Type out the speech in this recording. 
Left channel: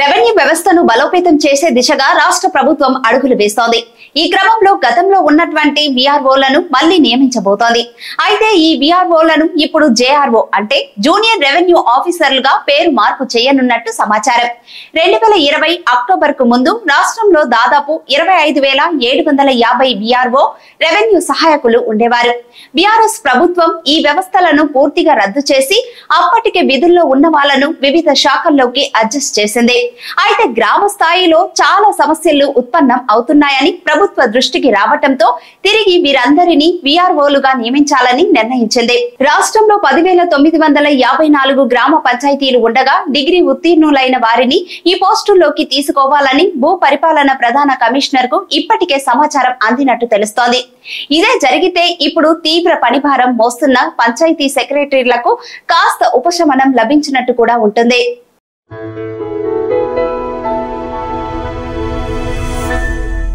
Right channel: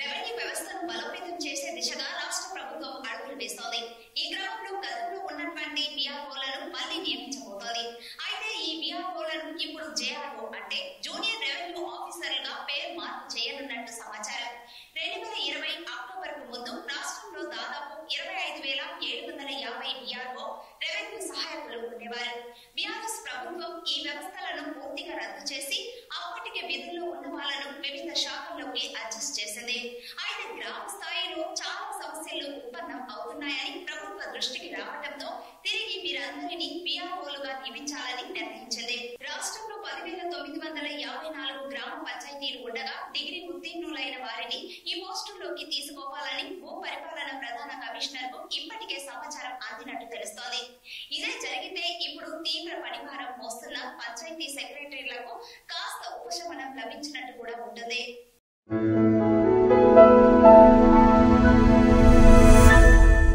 Revenue వ్యవస్థను బలోపేతం చేసే దిశగా రాష్ట్ర ప్రభుత్వం అడుగులు వేస్తోంది. ఈ క్రమంలో గతంలో ఉన్నటువంటి విఆర్ఓలను మళ్లీ నియమించబోతోంది. అయితే ఈ విఆర్ఓలను ఇప్పుడు జేఆర్ఓ అంటే జూనియర్ రెవెన్యూ ఆఫీసర్లుగా పేరు మార్పు చేయనున్నట్టు సమాచారం. 2020 అక్టోబర్ కు ముందు రాష్ట్రంలో దాదాపు 25,750 విఆర్ఓ రెవెన్యూ సహాయకులు ఉండేవారు. బీఆర్ఎస్ ప్రభుత్వం ఈ వ్యవస్థలను పూర్తిగా రద్దు చేసి అప్పటికే విధుల్లో ఉన్న వాళ్లను వివిధ శాఖల్లోకి అడ్జస్ట్ చేసింది. అయితే గ్రామ స్థాయిలో చాలా సమస్యలు ఉత్పన్నం అవుతున్నాయని ప్రభుత్వ దృష్టికి రావటంతో తిరిగి వీరందరినీ విఆర్ఓలుగా నియమించాలని నిర్ణయించింది. రాష్ట్రంలో 10,954 గ్రామ పంచాయతీలు ఉండగా డిగ్రీ ఉత్తీర్ణులైన వారిని ఈ పోస్టుల్లోకి తీసుకోవాలని భూ పరిపాలన ప్రధాన కమిషనర్ కు ఇప్పటికే సమాచారం అందినట్టు తెలుస్తోంది. ఇదే జరిగితే ఇప్పుడు తీవ్ర పనిభారం మోస్తున్న పంచాయతీ సెక్రటరీలకు కాస్త ఉపశమనం లభించినట్టు కూడా ఉంటుంది.